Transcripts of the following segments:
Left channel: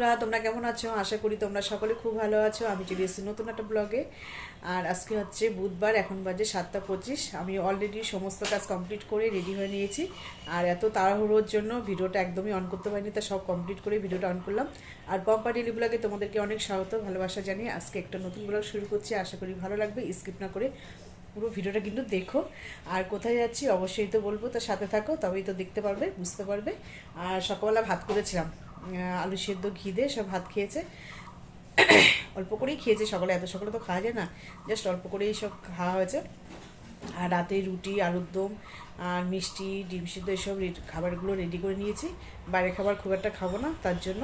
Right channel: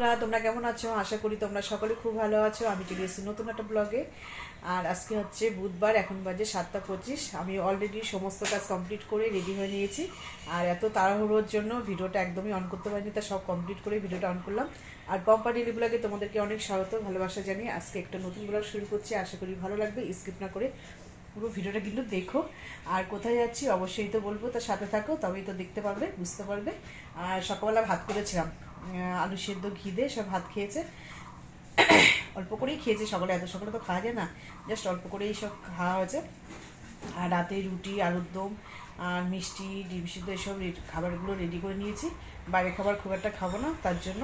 বন্ধুরা, তোমরা কেমন আছো? আশা করি তোমরা সকলে খুব ভালো আছো। আমি চলে এসেছি নতুন একটা ব্লগে। আর আজকে হচ্ছে বুধবার, এখন বাজে 7টা 25। আমি অলরেডি সমস্ত কাজ কমপ্লিট করে রেডি হয়ে নিয়েছি। আর এত তাড়াহুড়োর জন্য ভিডিওটা একদমই অন করতে পারিনি, তা সব কমপ্লিট করে ভিডিওটা অন করলাম। আর পম্পা ডেলি ব্লগে তোমাদেরকে অনেক স্বাগত, ভালোবাসা জানিয়ে আজকে একটা নতুন ব্লগ শুরু করছি। আশা করি ভালো লাগবে, স্কিপ না করে পুরো ভিডিওটা কিন্তু দেখো। আর কোথায় যাচ্ছি অবশ্যই তো বলবো, তার সাথে থাকো, তবেই তো দেখতে পারবে, বুঝতে পারবে। আর সকালবেলা ভাত করেছিলাম, আলু সেদ্ধ ঘি দিয়ে সব ভাত খেয়েছে। অল্প করেই খেয়েছে, সকালে এত সকালে তো খাওয়া যায় না, জাস্ট অল্প করেই সব খাওয়া হয়েছে। আর রাতে রুটি, আলুর দম আর মিষ্টি, ডিম সিদ্ধ এসব খাবারগুলো রেডি করে নিয়েছি। বাইরের খাবার খুব একটা খাবো না, তার জন্য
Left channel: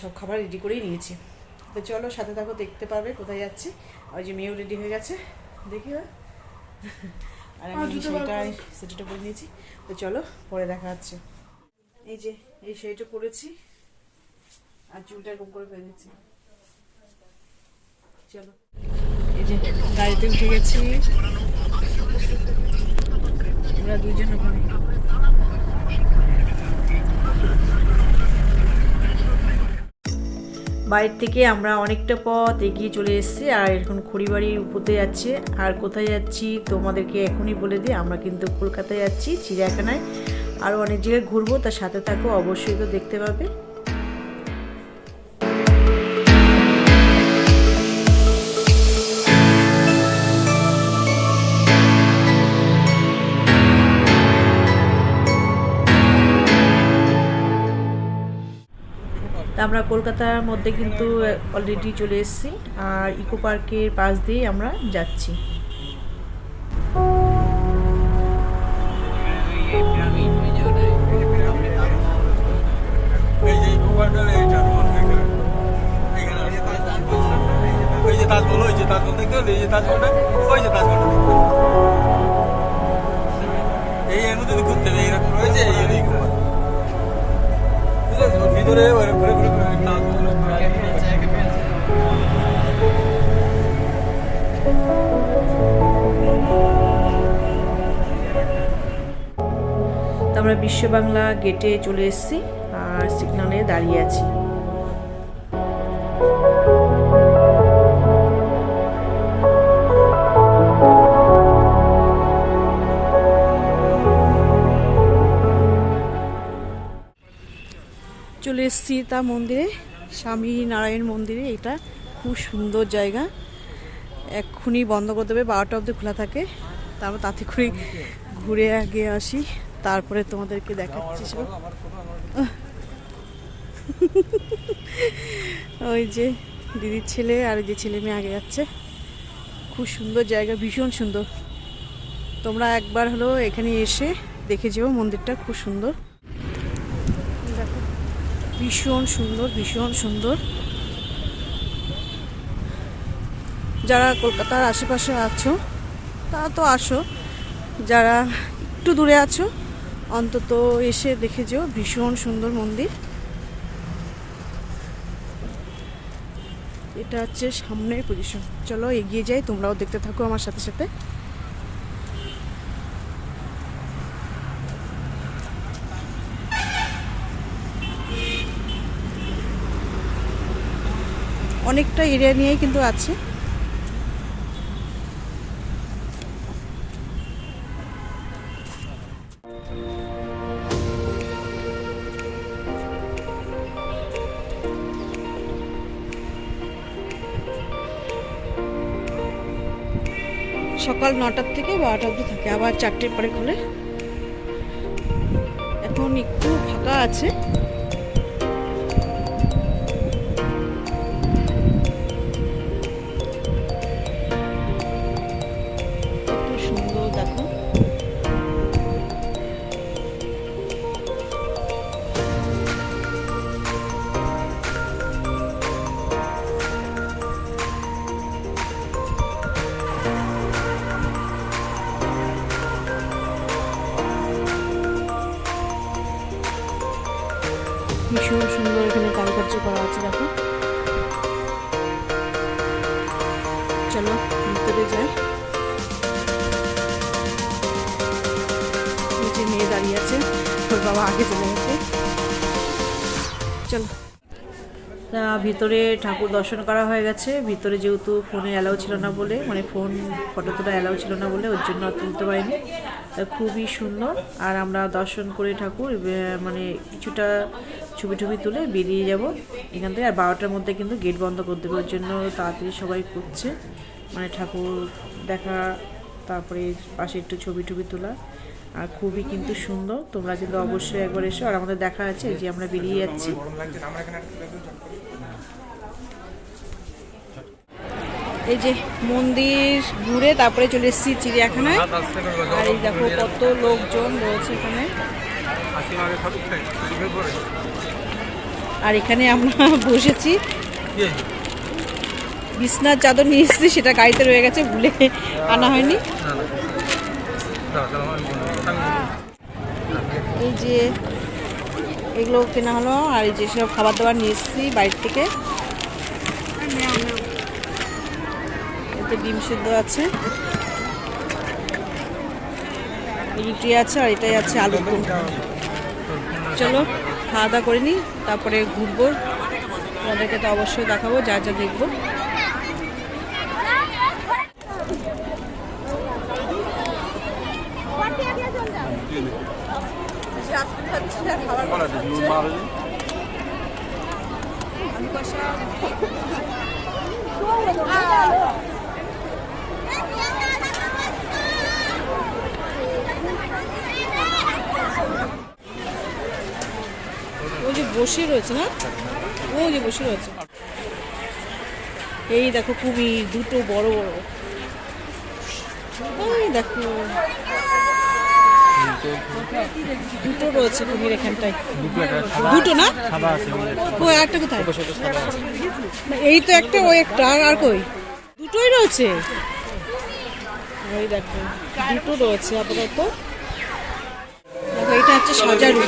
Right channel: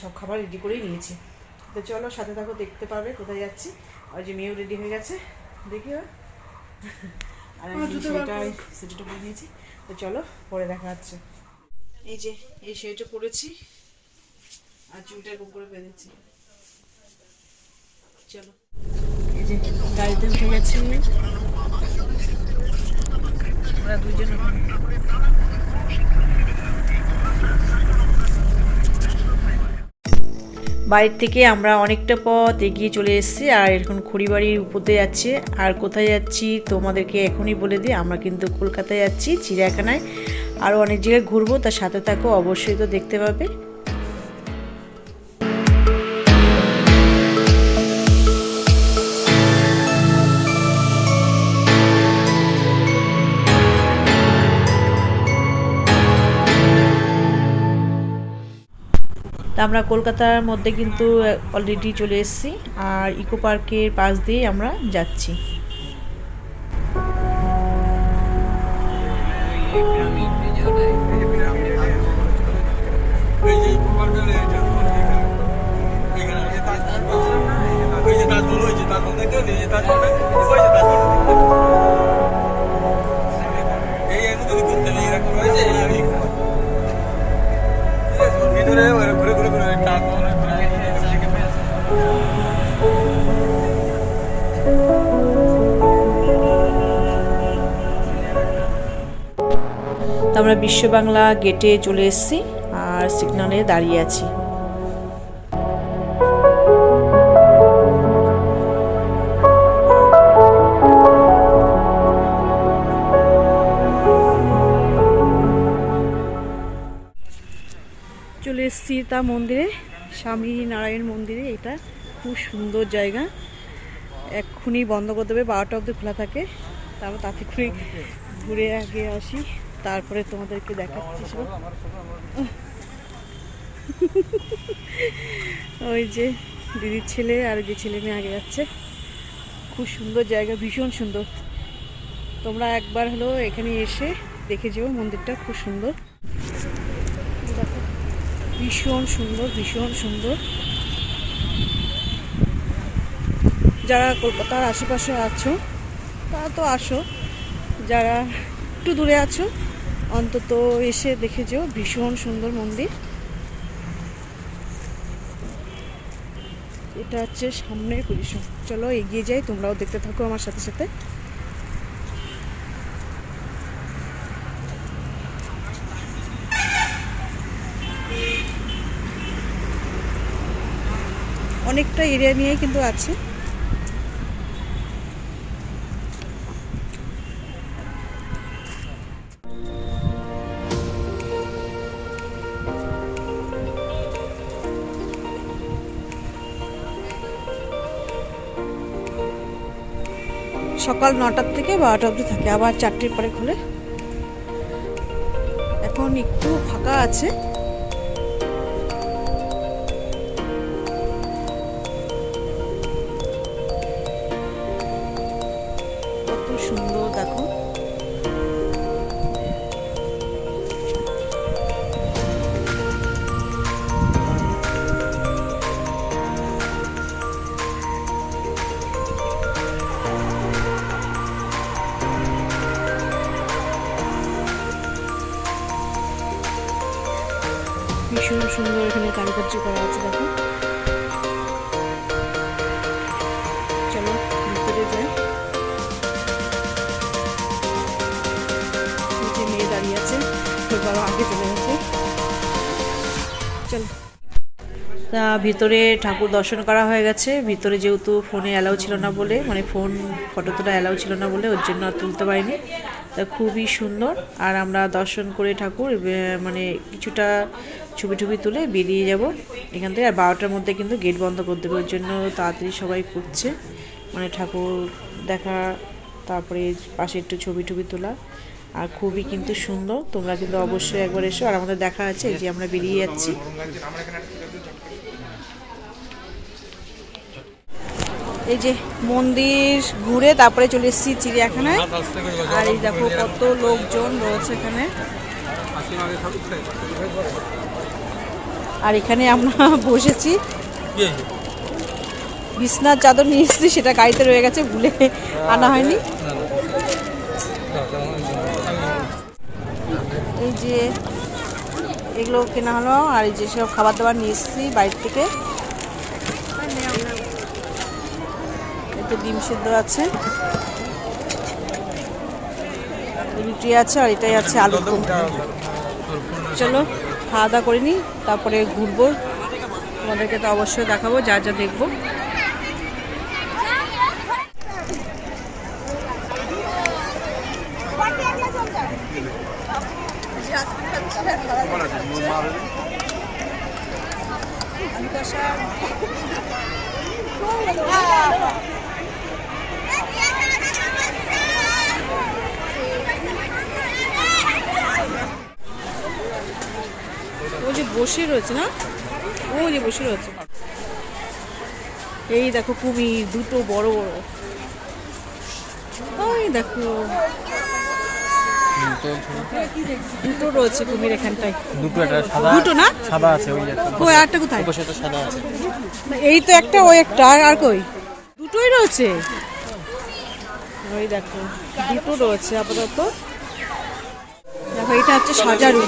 সব খাবার রেডি করেই নিয়েছি। তো চলো সাথে থাকো, দেখতে পারবে কোথায় যাচ্ছি। আর যে মেয়েও রেডি হয়ে গেছে, দেখি। আর আমি সেটা করে নিয়েছি। তো চলো পরে দেখা যাচ্ছে। এই যে এই শাড়িটা পরেছি আর চুলটা এরকম করে বেঁধেছি। চলো, এই যে গাড়িতে উঠে গেছি আমরা দুজন। ওখানে বাড়ির থেকে আমরা অনেকটা পথ এগিয়ে চলে এসেছি, আর এখন খড়িবাড়ির উপরে যাচ্ছে। আর কোথায় যাচ্ছি তোমাদেরকে এখনই বলে দিই, আমরা কিন্তু কলকাতায় যাচ্ছি, চিড়িয়াখানায়। আরও অনেক জায়গায় ঘুরবো, তার সাথে থাকো, অবশ্যই তো দেখতে পাবে। তা আমরা কলকাতার মধ্যে কিন্তু অলরেডি চলে এসেছি, আর ইকো পার্কের পাশ দিয়ে আমরা যাচ্ছি। আমরা বিশ্ব বাংলা গেটে চলে এসেছি আর সিগন্যালে দাঁড়িয়ে আছি। চলে এসেছি তা মন্দিরে, স্বামী নারায়ণ মন্দিরে। এটা খুব সুন্দর জায়গা। এক্ষুনি বন্ধ করে দেবে, 12টা অবধি খোলা থাকে। তারপর তাতে করেই ঘুরে আগে আসি, তারপরে তোমাদেরকে দেখাচ্ছি সব। ওই যে দিদির ছেলে আর যে ছেলে মেয়ে আগে যাচ্ছে। খুব সুন্দর জায়গা, ভীষণ সুন্দর। তোমরা একবার হলো এখানে এসে দেখে যেও, মন্দিরটা খুব সুন্দর। দেখো, ভীষণ সুন্দর, ভীষণ সুন্দর। যারা কলকাতার আশেপাশে আছো তারা তো আসো, যারা একটু দূরে আছো অন্তত এসে দেখে যেও, ভীষণ সুন্দর মন্দির। এটা হচ্ছে সামনের পজিশন। চলো এগিয়ে যাই, তোমরাও দেখতে থাকো আমার সাথে সাথে। অনেকটা এরিয়া নিয়ে কিন্তু আছে। সকাল 9টার থেকে 12টা অবধি থাকে, আবার 4টের পরে খোলে। এখন একটু ফাঁকা আছে। কত সুন্দর দেখো। ভীষণ সুন্দর এখানে কারুকার্য করা আছে, দেখো। চলো ভিতরে যাই। মেয়ে দাঁড়িয়ে আছে, ওর বাবা আগে চলে গেছে। চলো তা ভিতরে ঠাকুর দর্শন করা হয়ে গেছে। ভিতরে যেহেতু ফোনে অ্যালাউ ছিল না বলে, মানে ফটো তোলা অ্যালাউ ছিল না বলে ওর জন্য আর তুলতে পারিনি। তা খুবই সুন্দর। আর আমরা দর্শন করে ঠাকুর মানে কিছুটা ছবি তুলে বেরিয়ে যাব এখান থেকে। আর 12টার মধ্যে কিন্তু গেট বন্ধ করে দেবে, ওর জন্য তাড়াতাড়ি সবাই করছে, মানে ঠাকুর দেখা, তারপরে পাশে একটু ছবি তোলা। আর খুবই কিন্তু সুন্দর, তোমরা কিন্তু অবশ্যই একবার এসো। আর আমাদের দেখা আছে যে আমরা বেরিয়ে যাচ্ছি। এই যে মন্দির ঘুরে তারপরে চলে এসেছি চিড়িয়াখানায়। আর এই দেখো কত লোকজন রয়েছে এখানে। আর এখানে আমরা বসেছি, বিছনার চাদর নিয়ে এসেছি, সেটা গাড়িতে রয়ে গেছে, ভুলে আনা হয়নি। এই যে এগুলো কেনা হলো। আর এই যে সব খাবার দাবার নিয়ে এসেছি বাইরে থেকে। এতে ডিম সিদ্ধ আছে, রুটি আছে, আর এটাই আছে আলু দম। চলো খাওয়া দাওয়া করে নিই, তারপরে ঘুরবো, তোমাদেরকে তো অবশ্যই দেখাবো যা দেখবো। আলু কষা, ও যে বসে রয়েছে না, ও যে বসে রয়েছে। এই দেখো কুমির দুটো বড় বড়, ওই দেখো দুটো রয়েছে কুমির এখানটায়। দুটো না, কই আরটা কোথায়? এই তো একটা, ওই একটা, আর কই? দুটোই রয়েছে। ওই দেখো দুটো রয়েছে আপাতত। দেখো এটা হচ্ছে সাজারু,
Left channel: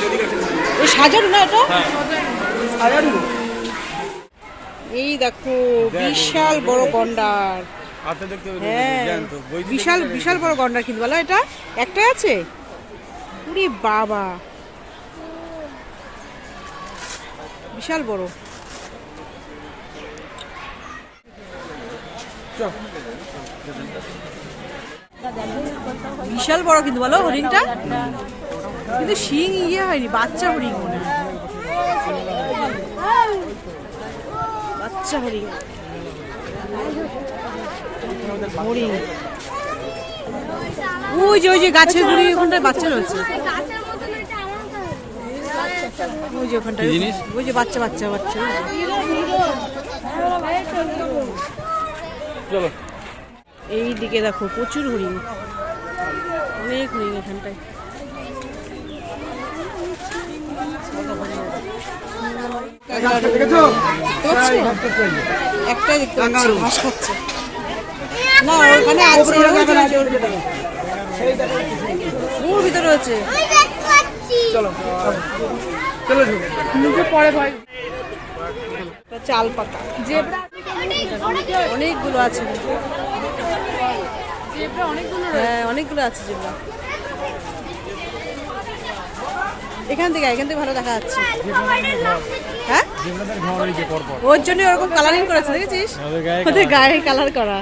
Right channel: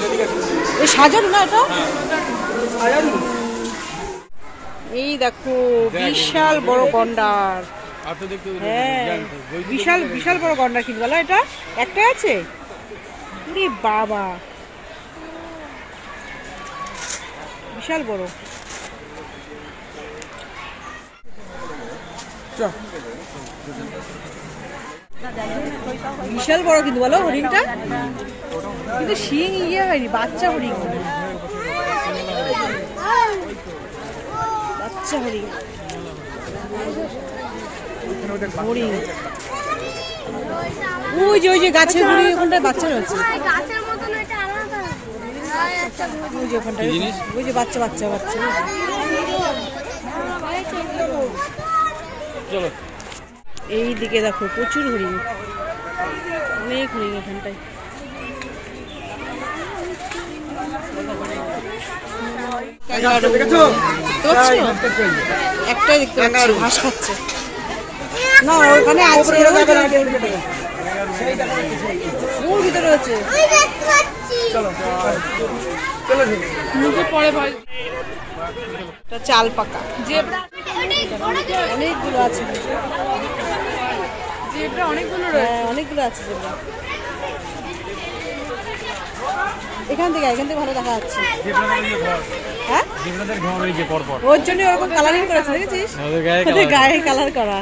এই সাজারু না এটা। এই দেখো বিশাল বড় গন্ডার, হ্যাঁ বিশাল বড় গন্ডার কিন্তু বলো। এটা একটাই আছে, উরে বাবা বিশাল বড়। বিশাল বড় কিন্তু বলো হরিণটা, কিন্তু শিং হয়নি, বাচ্চা হরিণ মনে হয়, বাচ্চা হরিণ। হরিণ ওই যে গাছের গুড়ি ওখানটায় বাচ্চা রয়েছে, ওই যে ওখানটায়, ওই যে বাচ্চা। এই দিকে দেখো প্রচুর হরিণ, অনেক হরিণ এখানটায়। একটাই দেখতে পাচ্ছি, ঘাস খাচ্ছে না, ওখানে আছে, ওর ভিতরে আছে। পরে ভাই চাল পাকা অনেকগুলো আছে, হ্যাঁ অনেকগুলো আছে জেব্রা। এখান থেকে ভালো দেখা যাচ্ছে। হ্যাঁ ওর জন্য ওরকম কালারিং করেছে, দেখেছিস? ওদের গায়ে কালার করা।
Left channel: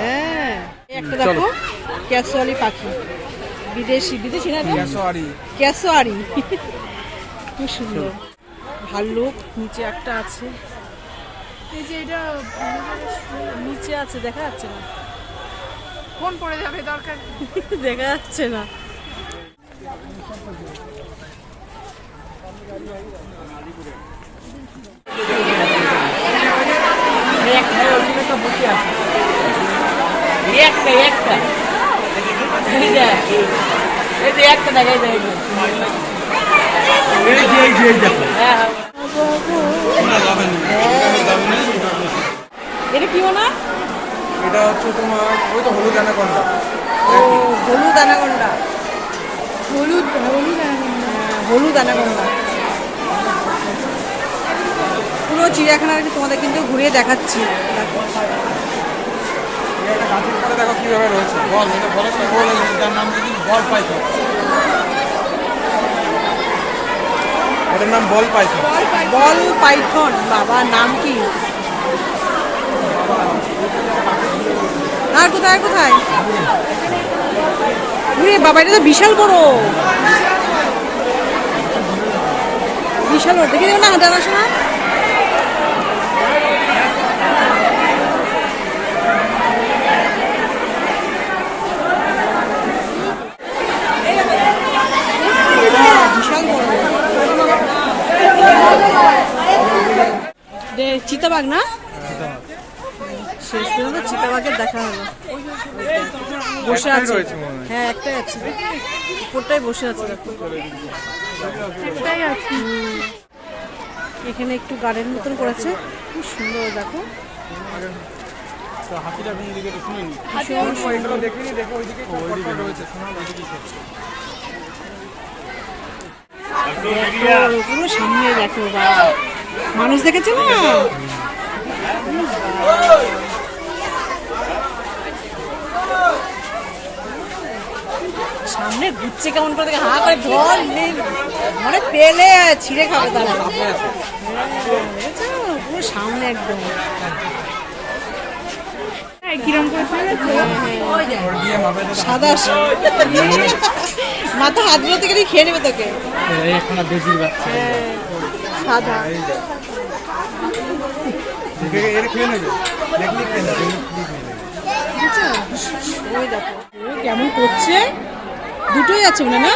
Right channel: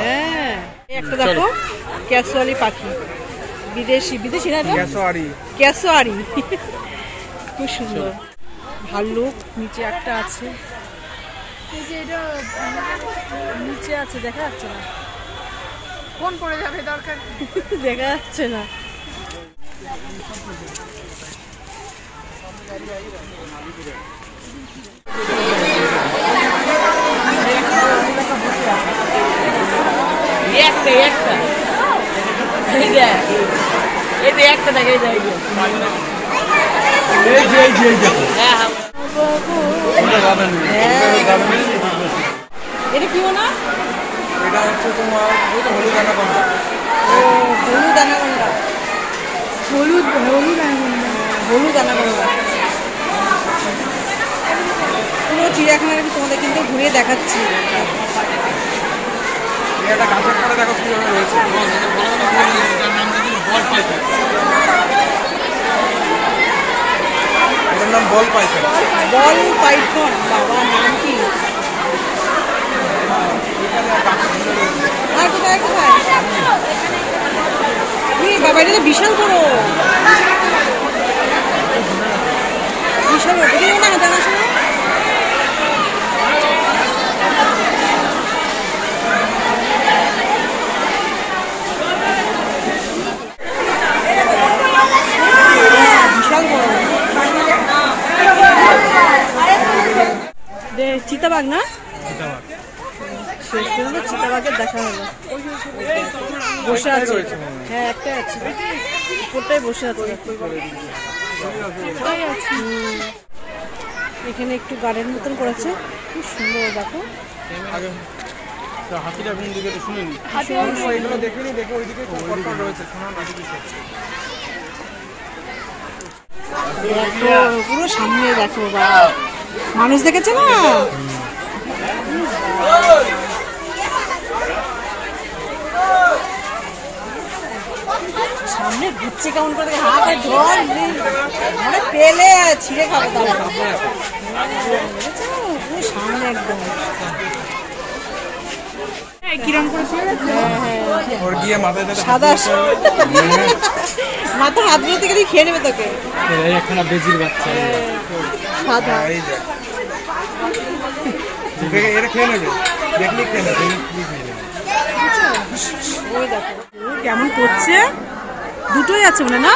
হ্যাঁ একটা দেখো ক্যাসোয়ালি পাখি, বিদেশি না, ক্যাসোয়ারি, খুব সুন্দর। ভাল্লুক নিচে একটা আছে, এই যে এটা নিচে আছে, দেখা যাচ্ছে না, ফোন পড়ে যাবে, দরকার দেখা যাচ্ছে না। এটা কি না, এটা হচ্ছে তোমার ওইটা হলুদ অ্যানাকোন্ডা। ও হলুদ অ্যানাকোন্ডা, হলুদ অ্যানাকোন্ডা। পুরো চিড়িয়াখানা তোমাদের কিন্তু ঘুরিয়ে দেখাচ্ছি। এটা গাছের পরে দেখো কিভাবে রয়েছে, বল পাইপ। এটার নাম বল পাইছে। বল পাইথন, বাবা নাম কি? আর কোথায় কোথায়? বাবা এটা তো বিশাল বড়, বিশাল বড়। দেখে না জানাশোনা। বিশাল বড় চিতাবাঘ না? শেষ পর্যন্ত চিতাবাঘের দেখা হলো। বসে আছে, হ্যাঁ একটাই আছে, উপরটাই বসে আছে। এখানে একটু গার্ডেন মতন করেছে, খুব সুন্দর। দেখো পুরো সামনে দেখো, বা মানুষ দেখেছে না? সামনে ঘুরছে কেমন করে, দেখে হাঁ করে ঢল মানে পেলে ছিঁড়ে খাবে। তার পুরো সামনে একদম সাদা মাথা হাত গুলো থেকে খেয়ে নেবে তোকে। সাদা ওই দেখো কেমন করছে, দুটোই আছে মনে না?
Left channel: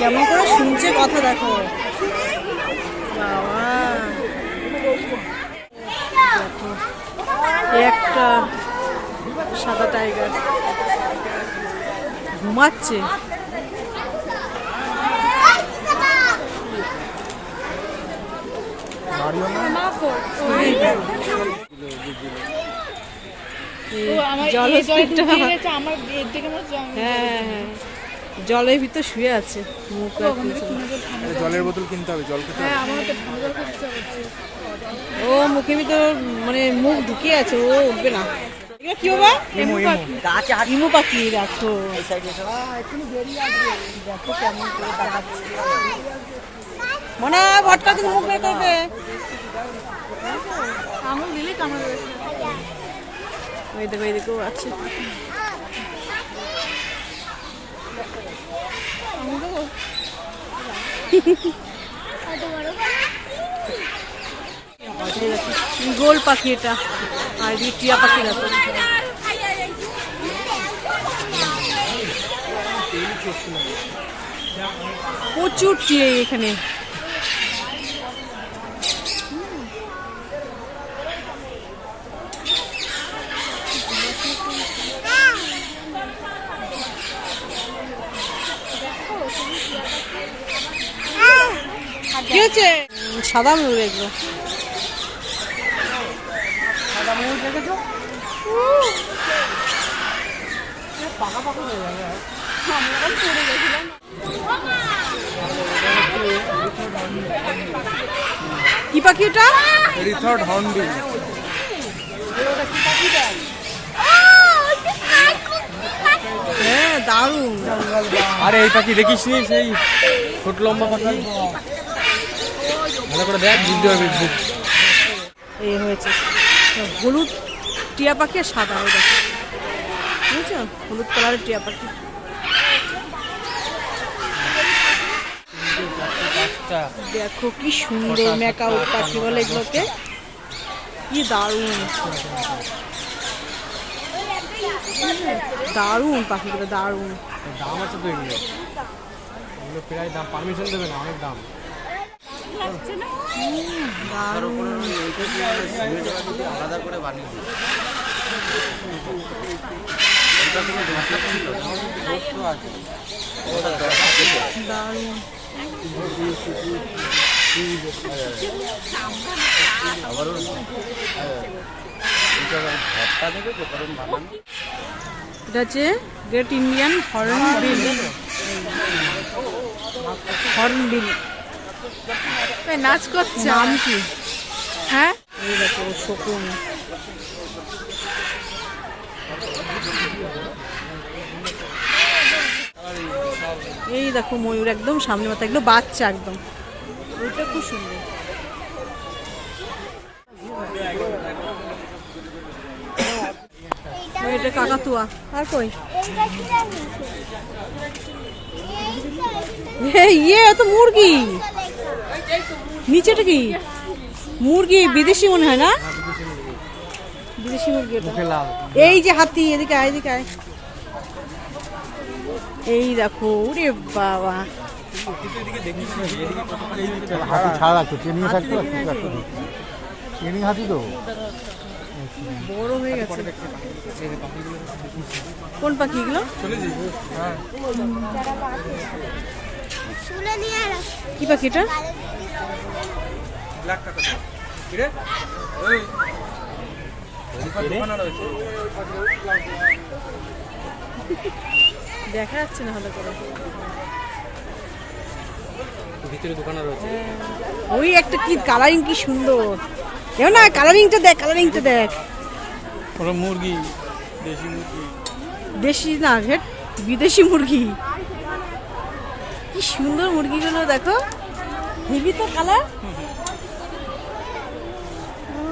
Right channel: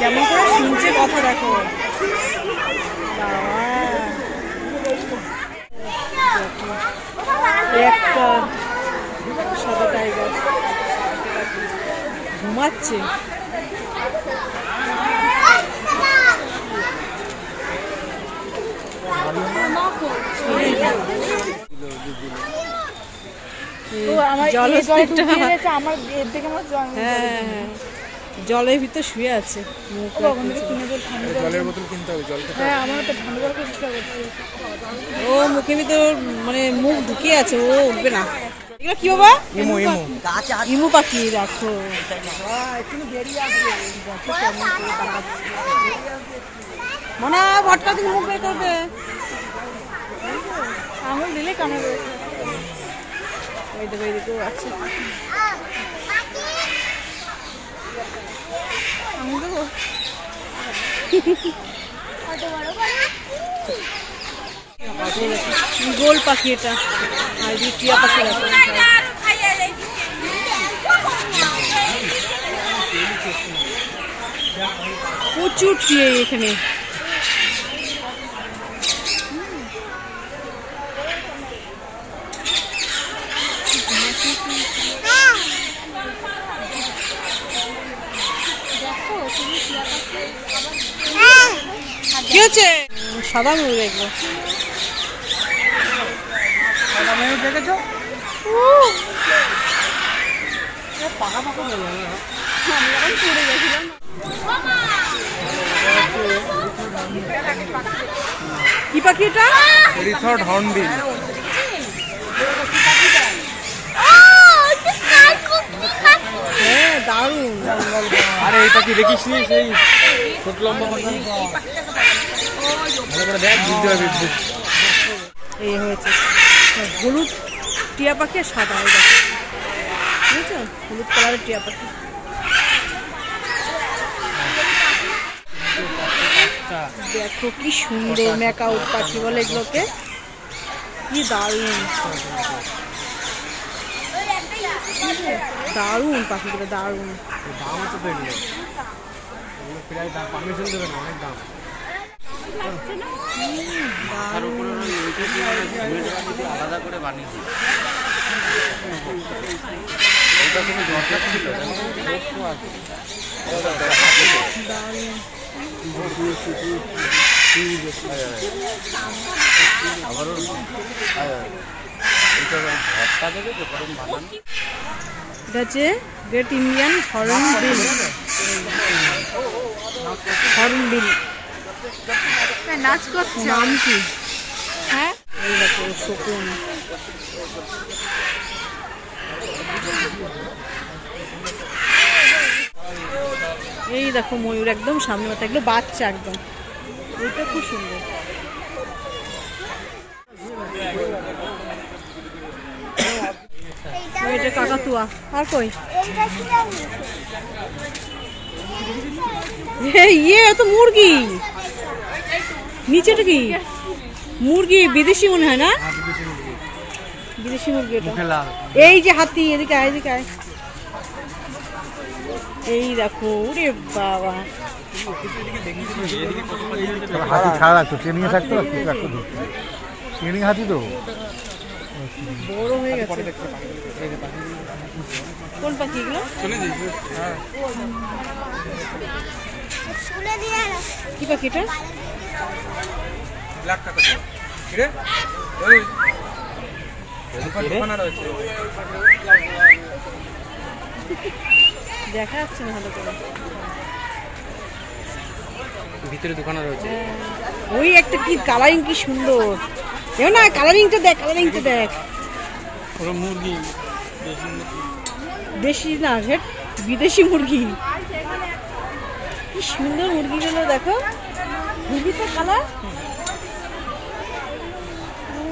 কেমন করে শুনছে কথা, দেখো বাবা। একটা সাদা টাইগার ঘুমাচ্ছে। জলের ভিতর শুয়ে আছে, জলের বোতল কিনতে হবে, জল খেতে হবে। ও মুখের ভিতর মানে মুখ ঢুকিয়ে আছে, ও উঠবে না। এগুলো কি বাবা? ইমু পাখি। দেখো দেখো কেমন করে তাকাচ্ছে, মনে হয় ভটকা থেকে মুখ বের করবে। আঙুল দিলে কামড়ে। এই দেখো এদিকেও আছে। গোল পাখি এটা, আর এদিকে টিয়া পাখি। দেখো প্রচুর টিয়া এখানে। কি হচ্ছে? সাদা ময়ূর এগুলো। কি পাখি এটা? রিথার্ড হর্নবিল। হ্যাঁ দারুণ। আরে এই পাখি দেখিস নি, সেই ছোট লম্বা পাখি, ভালো করে দেখ, বুঝতে হবে। এই হয়েছে হলুদ টিয়া পাখি আর সাদা, ওই দেখো বুঝেছো, হলুদ কালারের টিয়া পাখি। দেখো কি সুন্দর ম্যাকাউট পাখি বলে এগুলোকে, কি দারুণ দারুণ পাখিগুলো, দারুণ। দাম আছে তো এগুলো, এগুলো প্রায় দাম, পারমিশন দেবে না, অনেক দাম। আলাদা করে বানিয়ে দিই, আবার ভর্তা দেবে তো গরম বানান। এটা হচ্ছে গ্রেট ইন্ডিয়ান হর্নবিল। হর্নবিল নাচ করছে, নাম কি? হ্যাঁ, এই দেখো শকুন। এই দেখো ময়ূর একদম সামনে মাথা, একদম বাচ্চা একদম, ওইটা খুব সুন্দর। এটা কাকাতুয়া। আর কই ইয়ে তো মুরগি, নিচেটা কি মুরগি? বিদেশি মনে হয় না, বিদেশি মুরগি এটা। এই যে হাতি, এদিকে আয়, এদিকে আয়। এই দেখো, ওরে বাবা, হাতি ছাড়া রাখতো, ট্রেনিং থাকতো, ট্রেনিং হাতি তো বড় হয়ে গেছে। কোন পাখি এগুলো? কি পাখি এটা? দেখা যাচ্ছে না ভালো করে, ভিতরে দোকানে রয়েছে। ওই একটা কি কালারিং, কি সুন্দর। এও না, কালারিংটা দেখ, কালারিংটা দেখ। মুরগি দেশি না, বিদেশি মুরগি। কি সুন্দর মুরগিগুলো দেখো, খুবই তো কালার। ও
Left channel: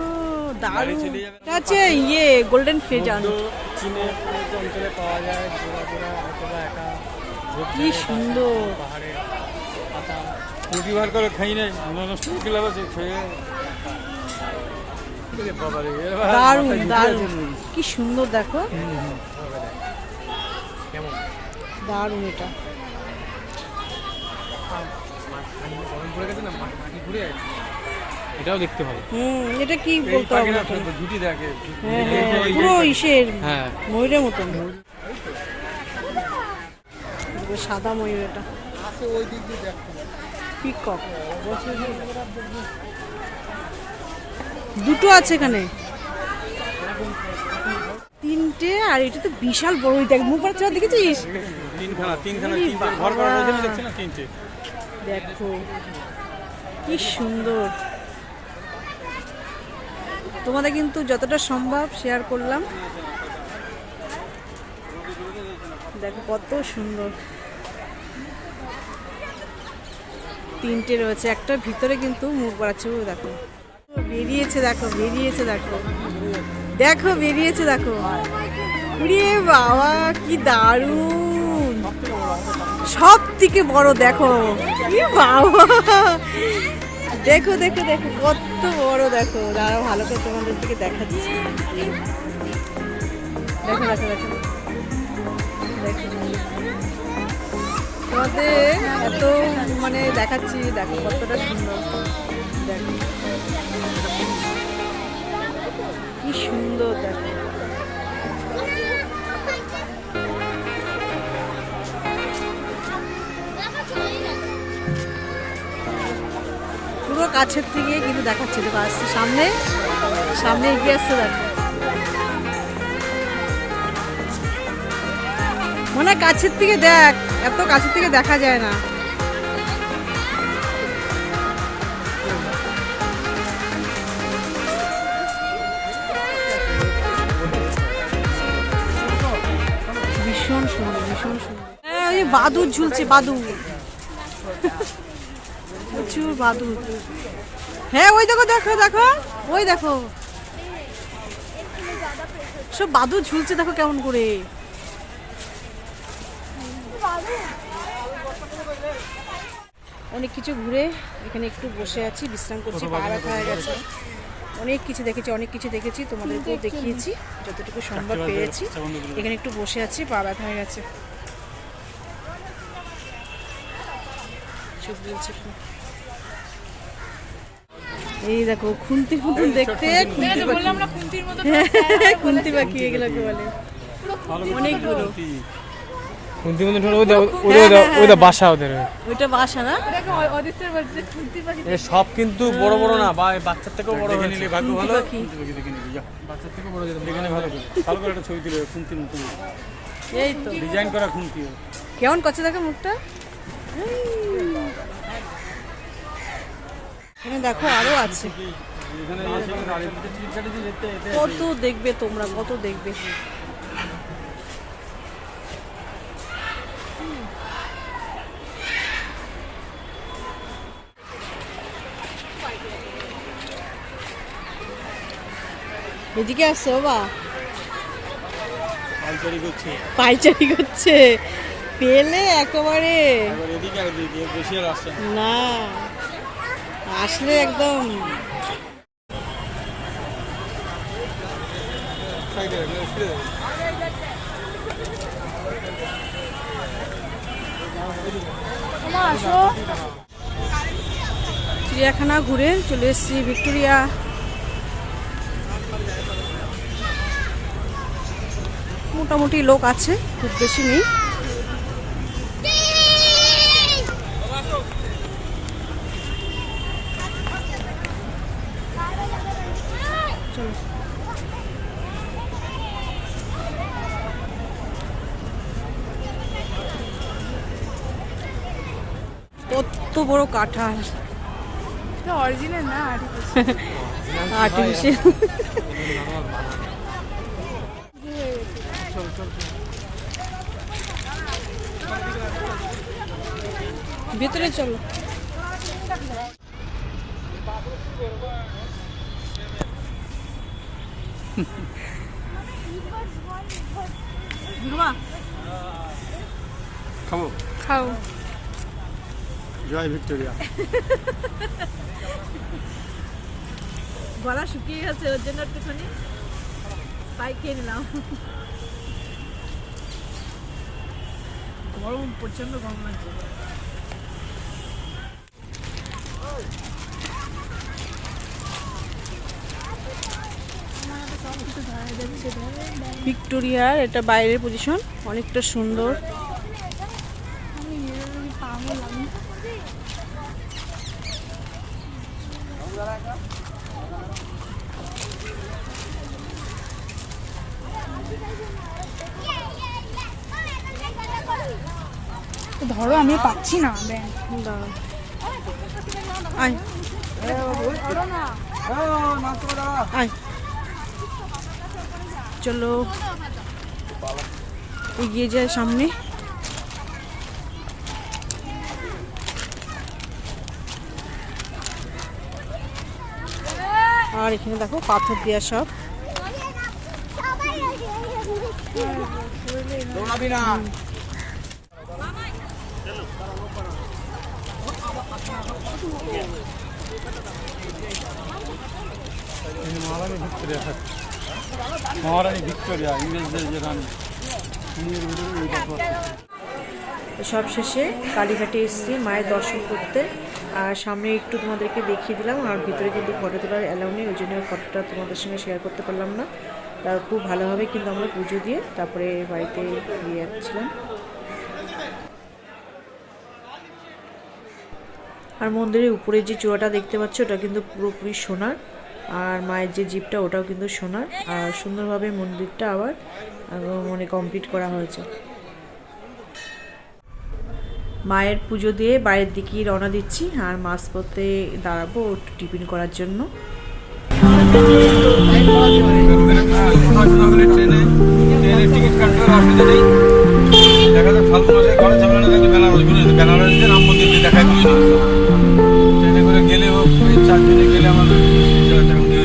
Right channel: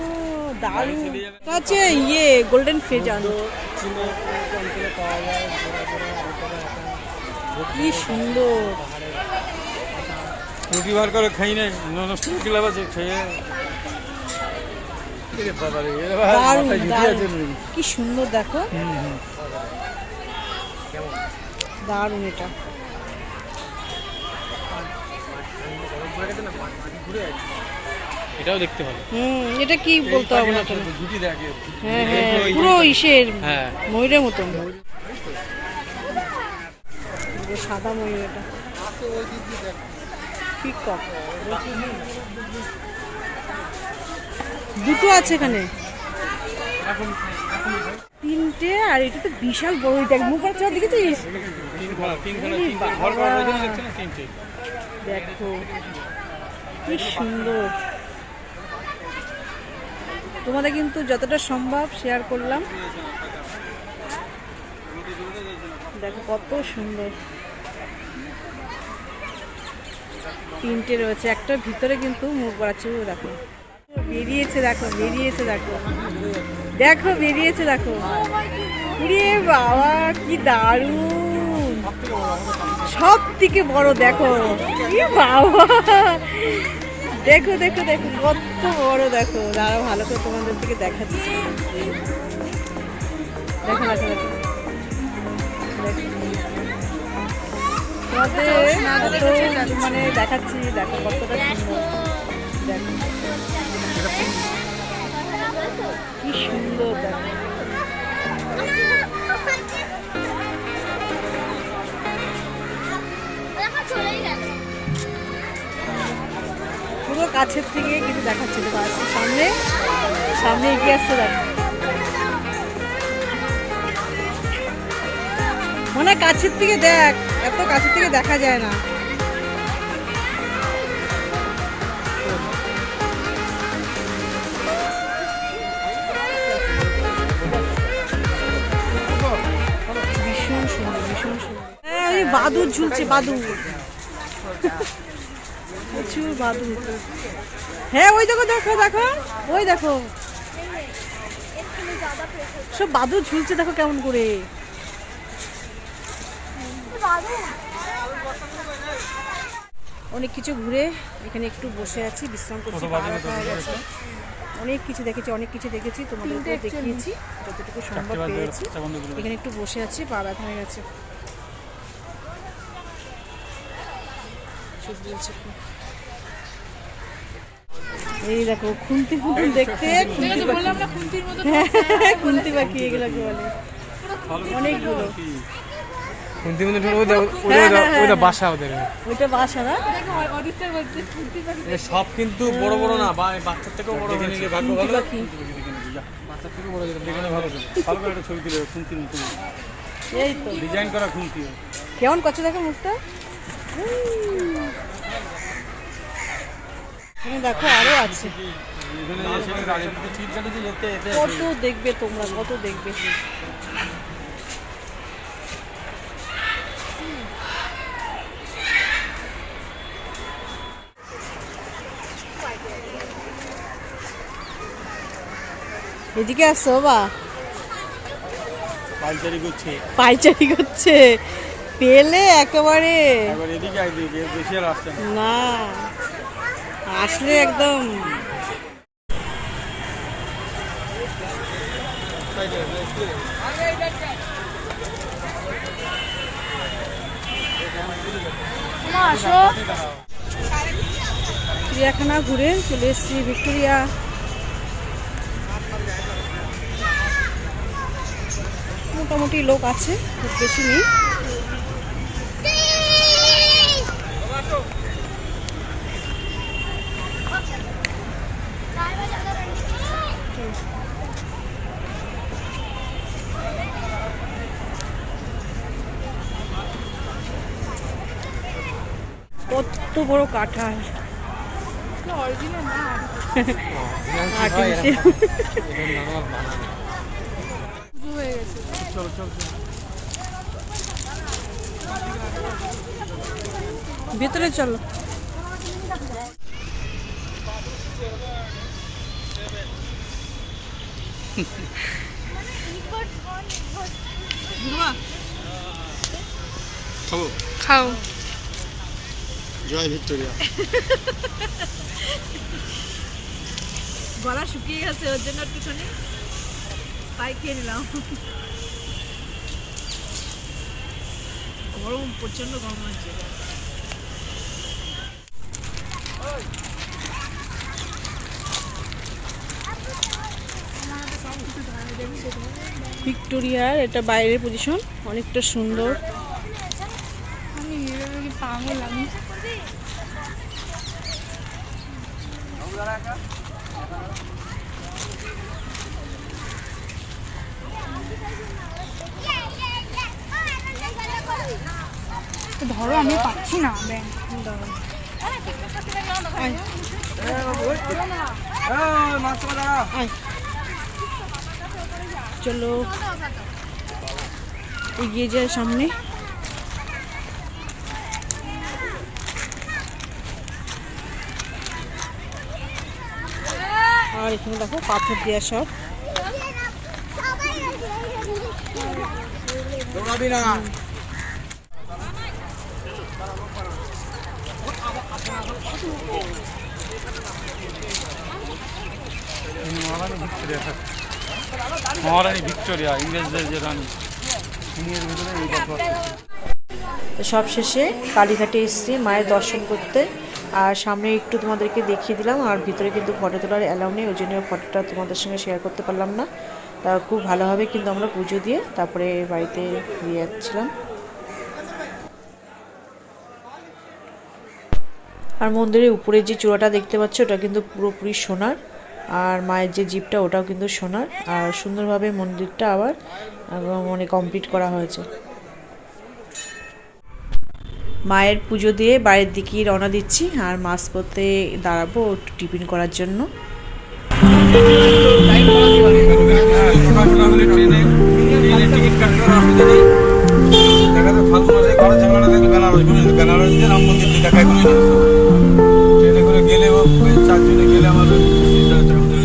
দারুণ। এটা হচ্ছে ইয়ে গোল্ডেন ফেজান। কি সুন্দর, রুটি বার করে খাই নাই, নষ্ট করে আছে খেয়ে। দারুণ দারুণ, কি সুন্দর দেখো, দারুণ। এটা এটাও দেখতে হবে। এটা কি বলতে হবে না, ঝুটি দেখে। হ্যাঁ হ্যাঁ, পুরো ইসের ময়ূরের মতন, সাদা ময়ূর। এটা পিকক, দুটো আছে এখানে, তিনটে। আর এটা তো বিশাল বড়, দেখ মুখ বাচ্চা দেখেছিস? দেখো কি সুন্দর। তোমাদের কিন্তু যতটা সম্ভব শেয়ার করলাম। দেখো কত সুন্দর, তিনটে রয়েছে, একটা ভিতরে কিন্তু মুখ বাড়াচ্ছে। দেখো বেরিয়েছে, দেখো বেরিয়েছে, দেখো দেখো বেরিয়েছে, দেখো। রে বাবা, কি দারুণ, সব থেকে বড় দেখো। এ বাবা, দেখো দেখো দেখো কত বড়, দেখো। দাঁড়াও ভালো করে তোমাদের থেকে দেখাচ্ছি। দেখো দেখো দেখো দেখো, তোমাদের এত মানে দেখাচ্ছি, দেখো কতটা সুন্দর। দেখো কি সুন্দর, দেখো। পুরো কাছের থেকে কিন্তু দেখাচ্ছে, দেখো আসছে সামনে, সামনে এগিয়ে আসছে। দেখো মনে কাছের থেকে দেখ, এত কাছের থেকে দেখা যায় না। ভীষণ সুন্দর, ভীষণ সুন্দর। হ্যাঁ, ওই বাদুর ঝুলছে, বাদুর, প্রচুর বাদুর। হ্যাঁ ওই দেখো, দেখো দেখো, ওই দেখো সব বাদুর ঝুলছে, দেখো কেমন করে। অনেক কিছু ঘুরে এখানে একটু বসে আছি, বিশ্রাম করছি, পা ব্যথা হয়ে গেছে। অনেক কিছু দেখেছি, অনেক কিছু দেখেছি, তোমাদেরকে দেখিয়েছি যতটুকু সম্ভব পেয়েছি। এখানে একটু বসে আছি, পা ব্যথা হয়ে গেছে। এই দেখো খুন্তি মতন দেখতে, খুন্তি পাখি, খুন্তি পাখি এগুলোকে বলে, অনেকগুলো। খুন্তি মতন ওটা বাসা, ওদের ওইটা বাসা না। সব কিন্তু বড় বড় না, বাচ্চার থেকেও বড় হয়ে নিলে ভাগ্য ভালো। বাচ্চার থেকেও বড় যেতে এখানে ভালো করে, ভালো করে একটা ছবি তুলে খুন্তির মতন, এই তো ডিজাইন করা খুন্তি। কেমন করছে দেখো মুখটা। এখানে দেখো আরো আছে, এখানে এসে রানীপুরে টিকিট কাটেছি যেতে এতে কত দেখবে তোমরা, কত দেখবে। এদিকে আসো বাবা, পাইচারি করছে। পাইচারি করছে, পেলে একেবারে এবার এদিকে একদিকে বেশি আর আসছে না। না, আসলে একদম চিড়িয়াখানা ঘুরে চলে এসেছি ভিক্টোরিয়া। মোটামুটি লোক আছে, খুব বেশি নেই। কত বড় কাঁঠাল, আর্টিফিশিয়াল। ভেতরে চলো। খাবো, খাও। জয় ভিক্টোরিয়া। গলা শুকিয়ে গেছে, ওর জন্য একটুখানি তাই খেয়ে নিলাম। গরম, প্রচন্ড গরম লাগছে। ভিক্টোরিয়ার এটা বাইরের পজিশন, অনেকটা সুন্দর। ধরো আমি পাচ্ছি না ব্যাংক। আয় আয়, চলো এগিয়ে যায় সামনে। আর এখানে দেখো পাথর দেওয়া সব। মহারানী ভিক্টোরিয়া, ইংরেজদের যে রানী, সিঁড়ির ভিতরে এই কথা আছে। তো সব শেষে কালীঘাটে এসেছি মায়ের দর্শন করতে। আর সামনে একটু তোমাদেরকে দেখিয়ে দিলাম, আর ভিতরে কিন্তু ফটো তোলার অ্যালাউ নেই, ওই জন্য ফটোটা তোমাদের সঙ্গে শেয়ার করতে পারলাম না। তা খুব ভালোভাবে কিন্তু আমরা পুজো দিয়ে তারপরে বাড়িতে ফিরে যাচ্ছিলাম। আর মন্দিরের উপরে যে চূড়াটা দেখতে পাচ্ছ ওটা কিন্তু পুরোপুরি সোনার, আর মায়ের যে জিপটা ওটাও কিন্তু সোনার। আর সুন্দরভাবে মন্দিরটা আবার মানে কমপ্লিট করা হয়েছে। মায়ের পুজো দিয়ে বাইরের দিকে রওনা দিচ্ছি, আর মাঝপথে দাঁড়াবো একটু টিফিন করার জন্য। ট্রেনে টিকিট কাটতে অসুবিধা নেই। দেখা যায় ফাল্গুন মাসে ঘরে ঝামেলা থাকলে বেনারস রাম মন্দির দেখা করি না। ট্রেনে করে গেলে 4 জনে গেলে আমাদের 3,000 টাকা মতো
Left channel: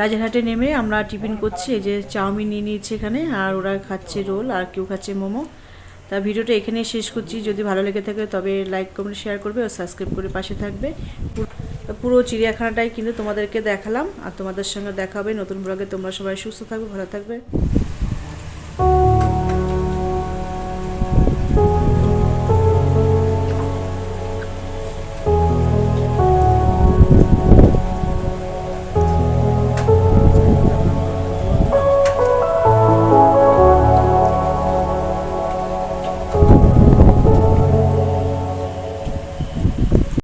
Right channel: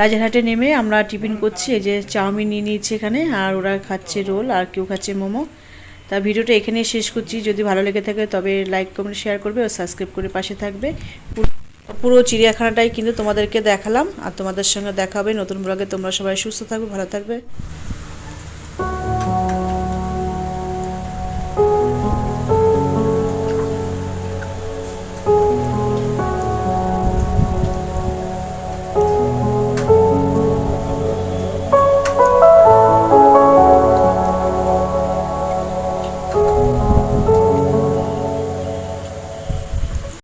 রাজারহাটে নেমে আমরা টিফিন করছি, এই যে চাউমিন নিয়ে নিয়েছি এখানে, আর ওরা খাচ্ছে রোল, আর কেউ খাচ্ছে মোমো। তা ভিডিওটা এখানেই শেষ করছি। যদি ভালো লেগে থাকে তবে লাইক কমেন্ট শেয়ার করবে ও সাবস্ক্রাইব করে পাশে থাকবে। পুরো চিড়িয়াখানাটাই কিন্তু তোমাদেরকে দেখালাম, আর তোমাদের সঙ্গে দেখা হবে নতুন ব্লগে। তোমরা সবাই সুস্থ থাকবে, ভালো থাকবে।